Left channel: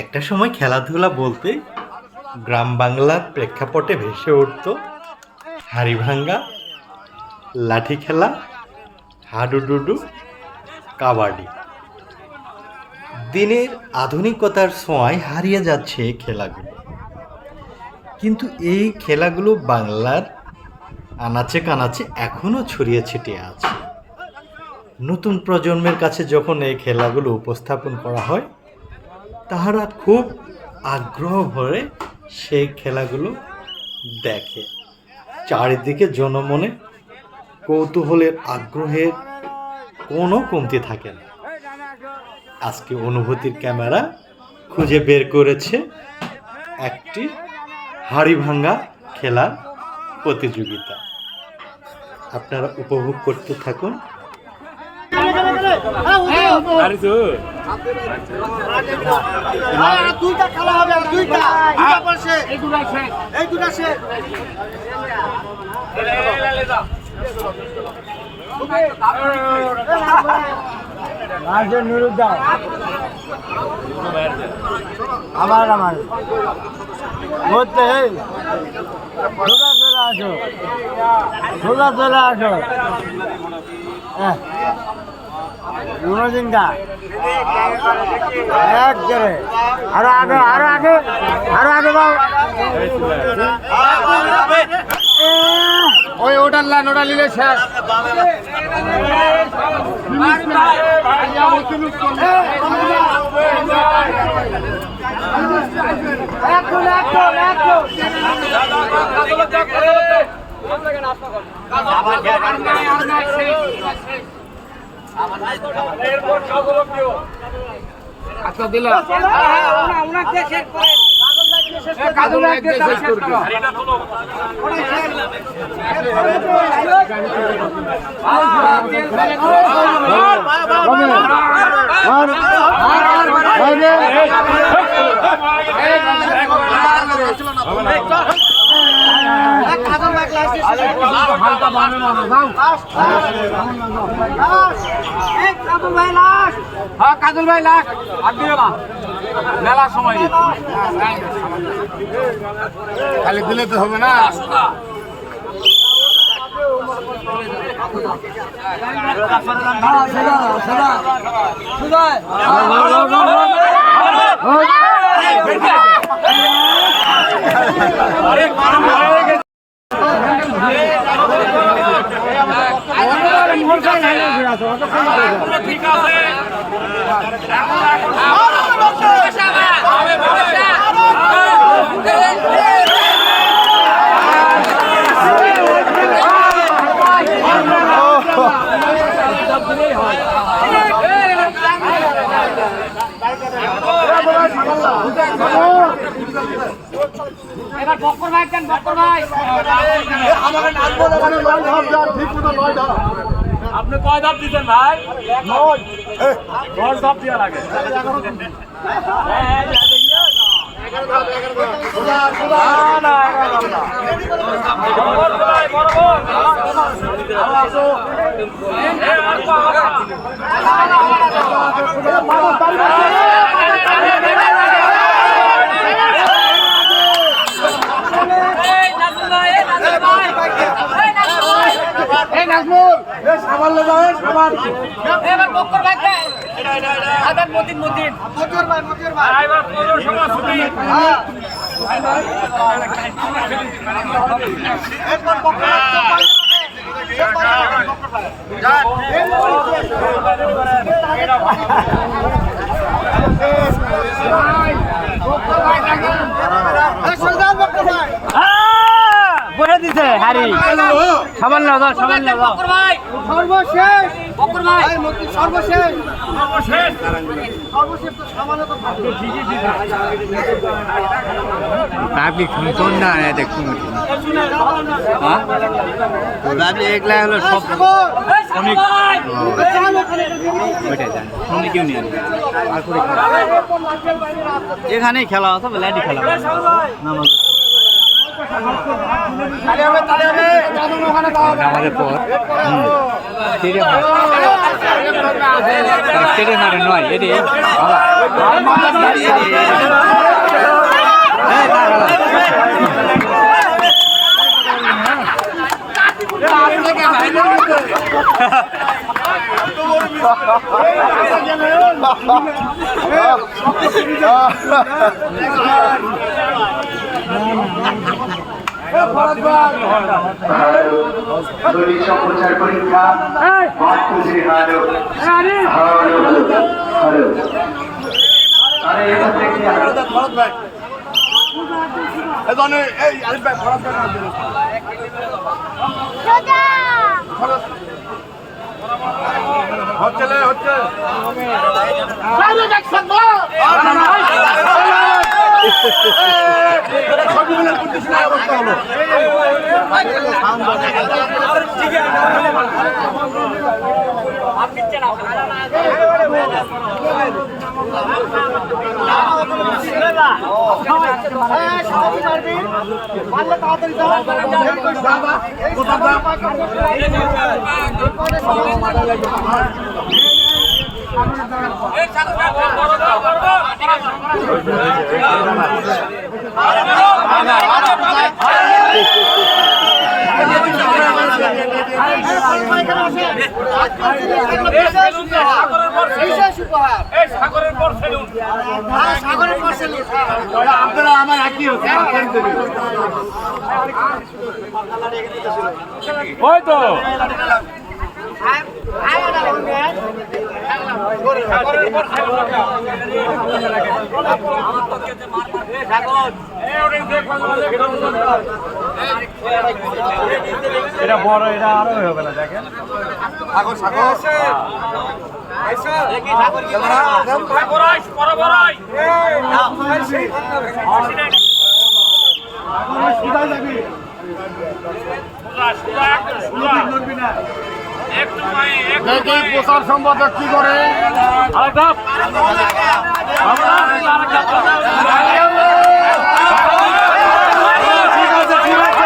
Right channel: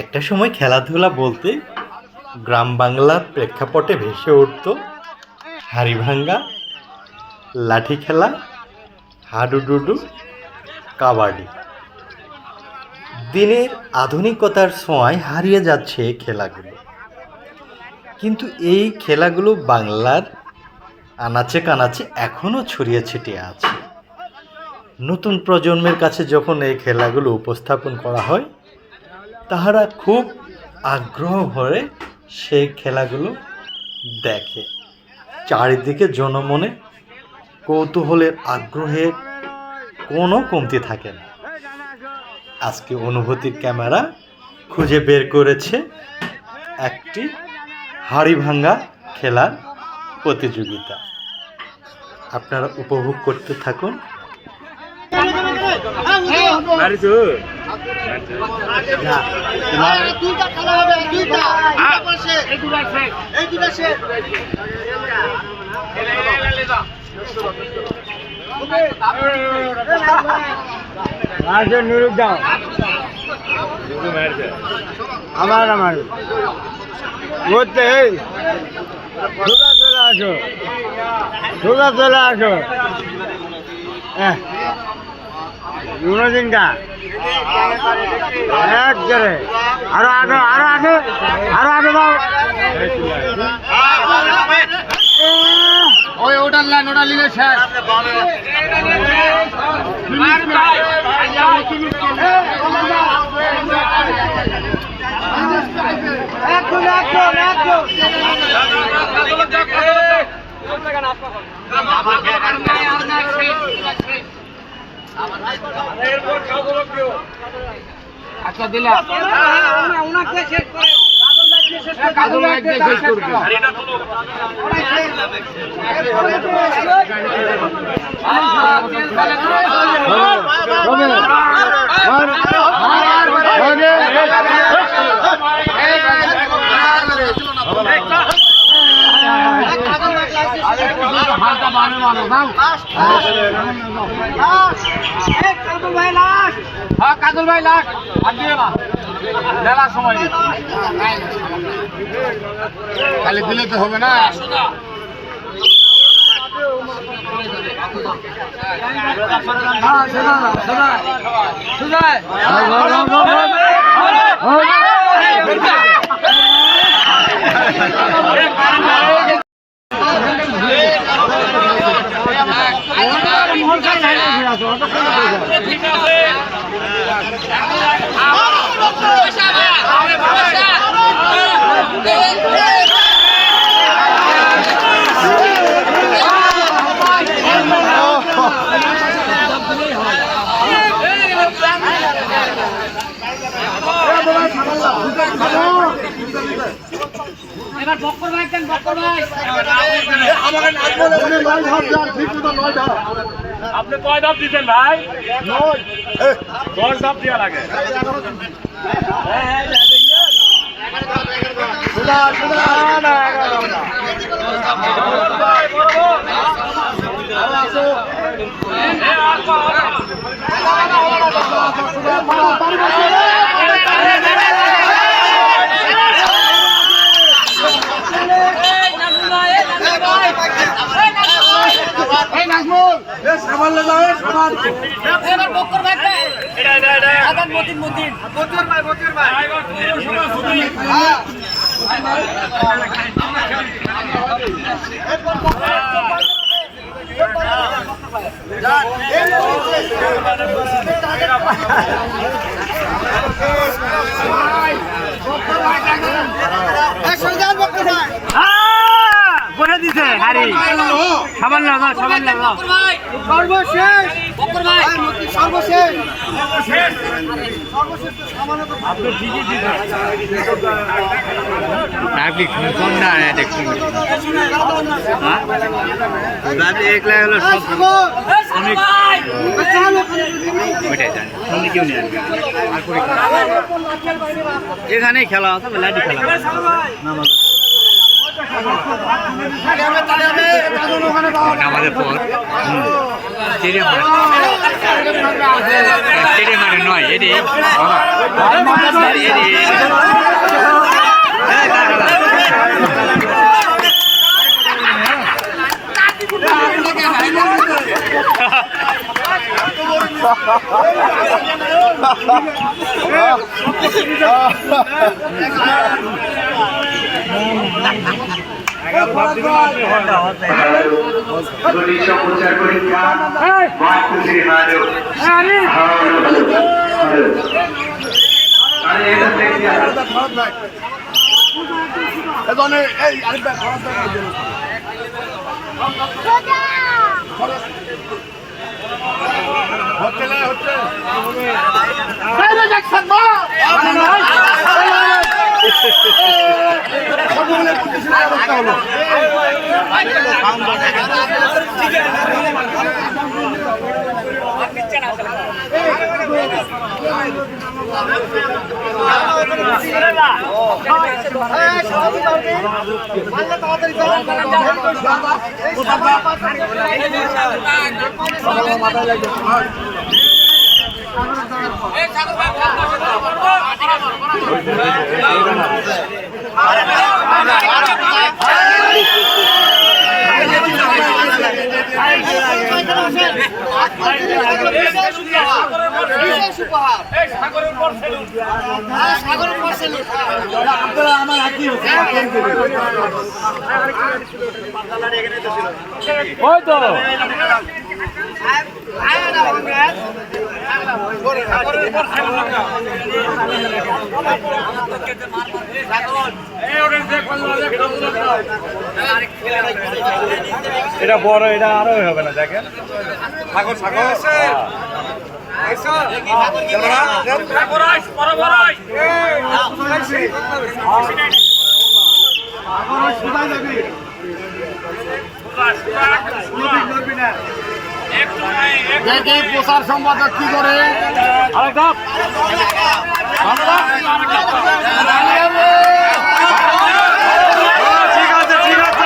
একটা সময় খেলাধুলা বলতে গ্রাম বাংলার প্রেক্ষাপটে ভেসে উঠত হাড়ি ভাঙ্গা, লাঠি খেলা, হাডুডুডু, কাবাডি। দিনের আধুনিকতার ছোঁয়ায় হারিয়ে যাচ্ছে এই খেলাগুলো, কিন্তু এই খেলাগুলো বাংলার আনাচে কানাচে এখনও ছড়িয়ে ছিটিয়ে আছে। নতুন প্রজন্মের কাছে যখন এই খেলাগুলো উপস্থাপন করা হয়, তাহারা খুব আগ্রহ ভরে সেই খেলাগুলো দেখে। চারিদিকে জনমনে কৌতূহলের আগ্রহের কোনো কমতি থাকে না। আজকে অনুভূতির ক্যামেরা খুঁজে বের করেছে একটি হাড়ি ভাঙ্গা খেলার প্রতিযোগিতা। আপনারা উপভোগ করতে থাকুন। দুইটা খেলা হবে, দুইটা আমার বলতে সোজা চলে আসো, সোজা চলে আসো। দিনটা এক করে আরো আগে, আরো আগে, আরো আগে দাও। ওই ওটার লাইন, ওটা নিলে শেষ। আচ্ছা দিলাম কাজল ভাই লাখ মেলার সময় খালি দিলে তো হবে না। আপনি কয় ধাপ দিতেন ভাই? 10 ধাপ দেওয়া লাগে। বলে দিছে হারি সাবান লাগা, সাবান লাগা। সর্বশেষ বকর ভাই, সর্বশেষ সর্বশেষ তো সামান্য তো আপনি ঠিকই দিবেন। আপনি কোন না দেখুন, হ্যাঁ আপনি একলা হলো সব অনেক ওইটাই জানেন, সামনে কেউ নিয়ে আসবে আর করে এখানেই খেলা আছে, লাইটি খেলা আমাদের পর স্টেডিয়াম মাঠে নয় এটি প্রচার পরীক্ষা আরে এটা হচ্ছে আপনারা আমার একই হচ্ছে ওই তো এটা বড়, এটা আরো হবে না দেখেন সাগর সাগর প্রচার সম্পাদক কি করে ঠিক আছে ঠিক আছে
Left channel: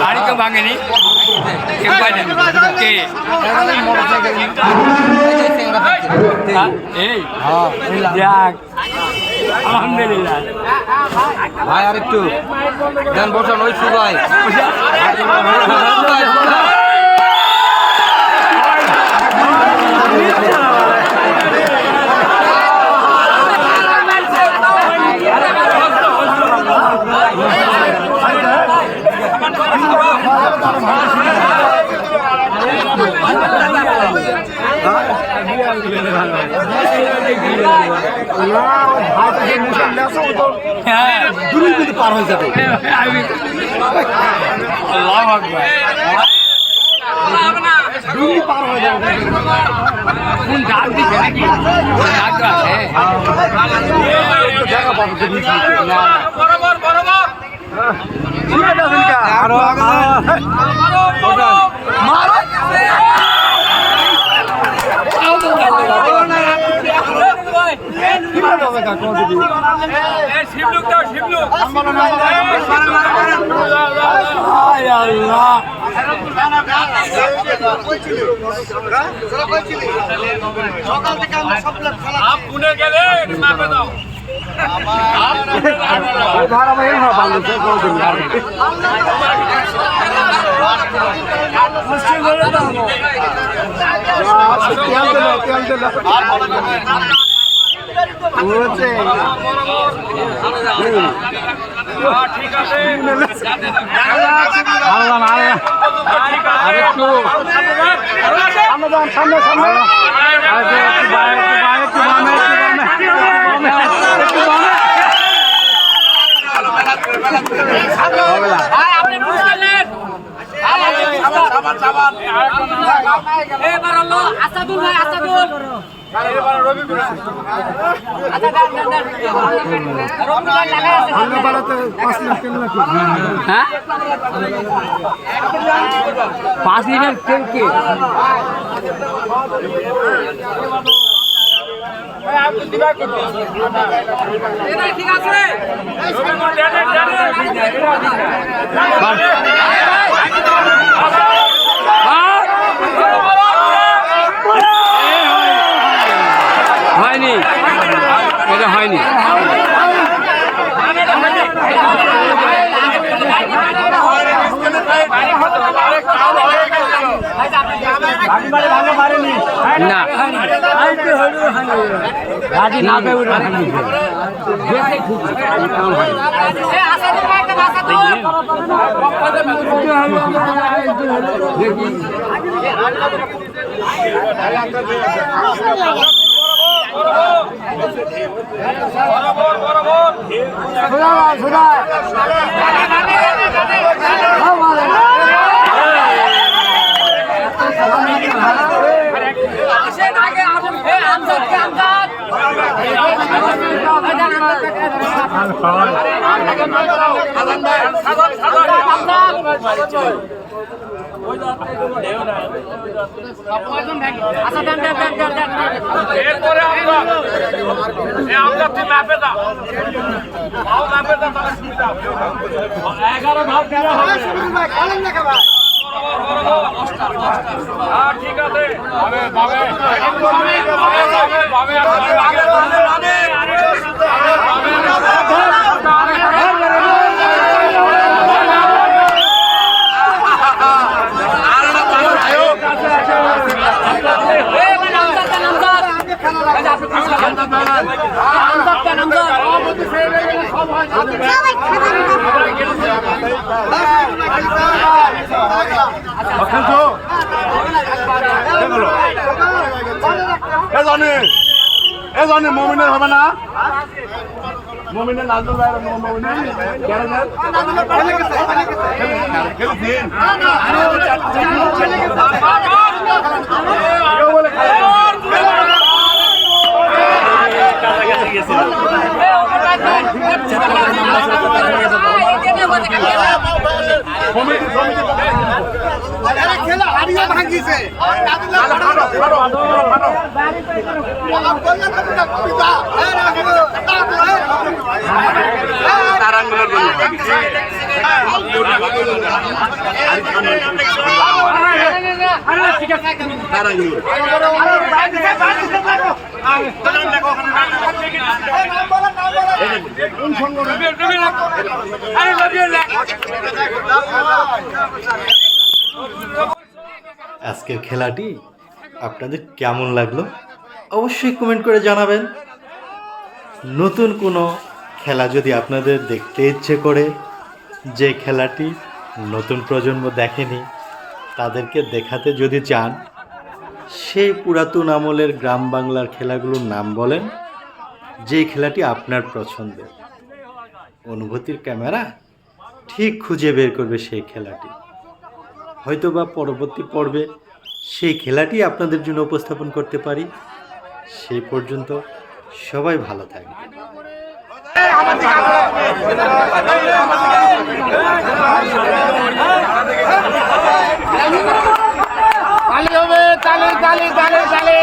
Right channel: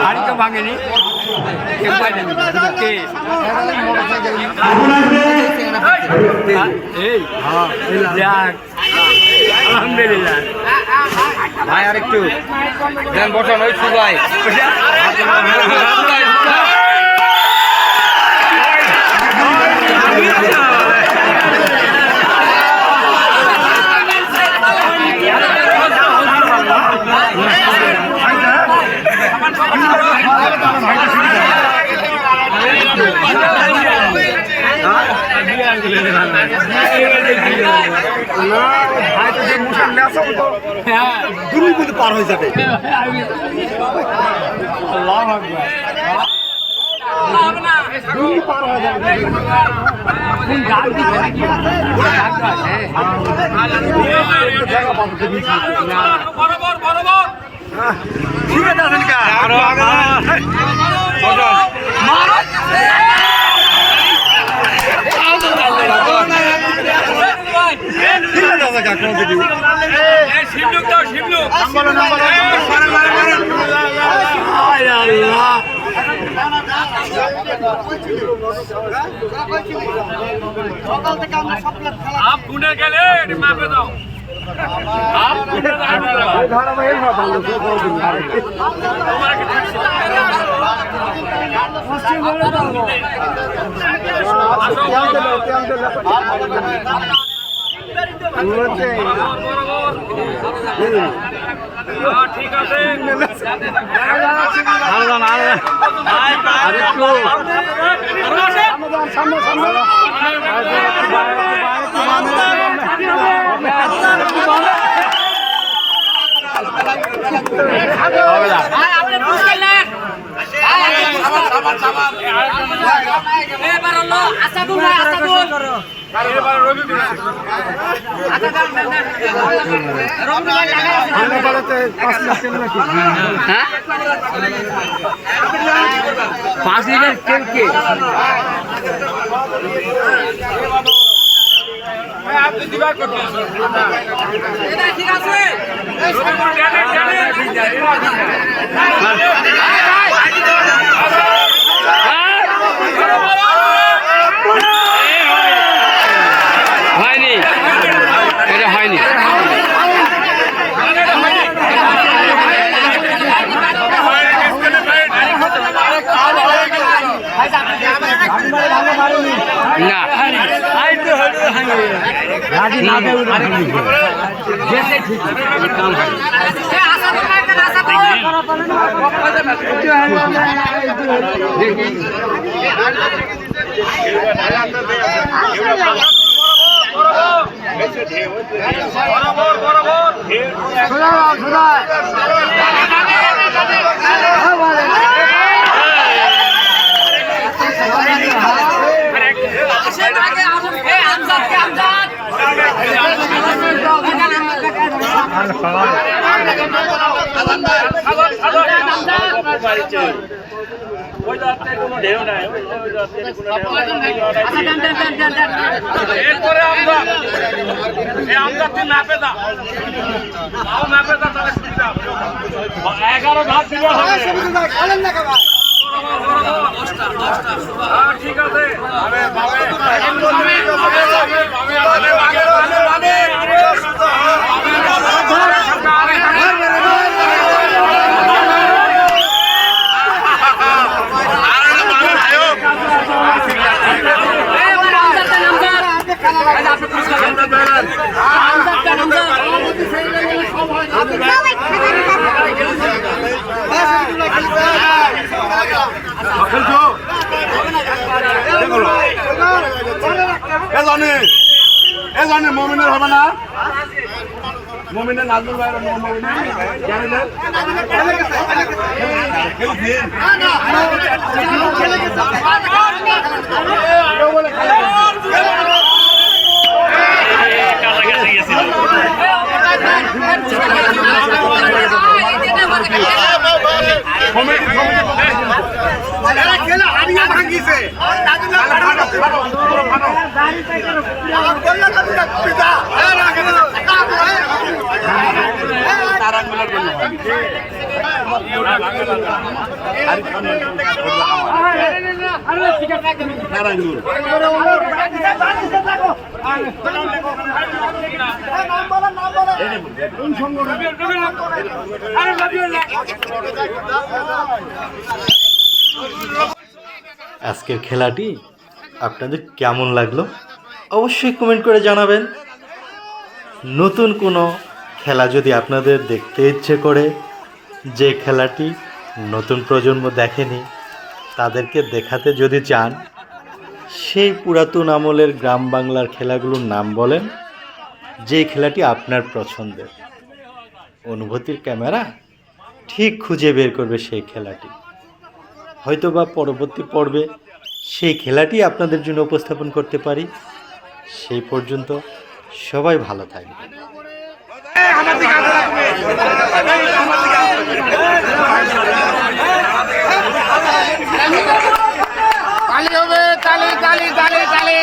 হাড়ি তো ভাঙেনি আলহামদুলিল্লাহ ভাই আর একটু দেন বসান ওই সুগাই পার হয়ে যাবে আল্লাহু আকবার পার হয়ে যাবে কোন গাছ দিছে নাকি গাছ আছে ঠিক আছে সামনে সামনে ভাই আপনি পুরস্কার নেন এবার হলো আসাদুল ভাই আসাদুল হ্যাঁ 5 লিটার কেউ কে ঠিক আছে হয়নি এটা হয়নি মমিনের হবে না মমিনের নাজমুল ভাই খেলা হারিয়ে ভাঙিছে আজকের খেলাটি আপনাদের কেমন লাগলো অবশ্যই কমেন্ট করে জানাবেন। নতুন কোনো খেলা যদি আপনাদের দেখতে ইচ্ছে করে, যে খেলাটি নতুন প্রজন্ম দেখেনি তাদেরকে দেখাতে যদি চান, সেই পুরাতন আমলের গ্রাম বাংলার খেলাগুলোর নাম বলেন, যে খেলাটি আপনার পছন্দের। অনুভূতির ক্যামেরা ঠিক খুঁজে বের করবে সেই খেলাটি। হয়তোবা পরবর্তী পর্বে সেই খেলাটি আপনাদের জন্য উপস্থাপন করতে পারি। সেই পর্যন্ত সবাই ভালো থাকবেন। তালি হবে, তালি তালি তালি তালি।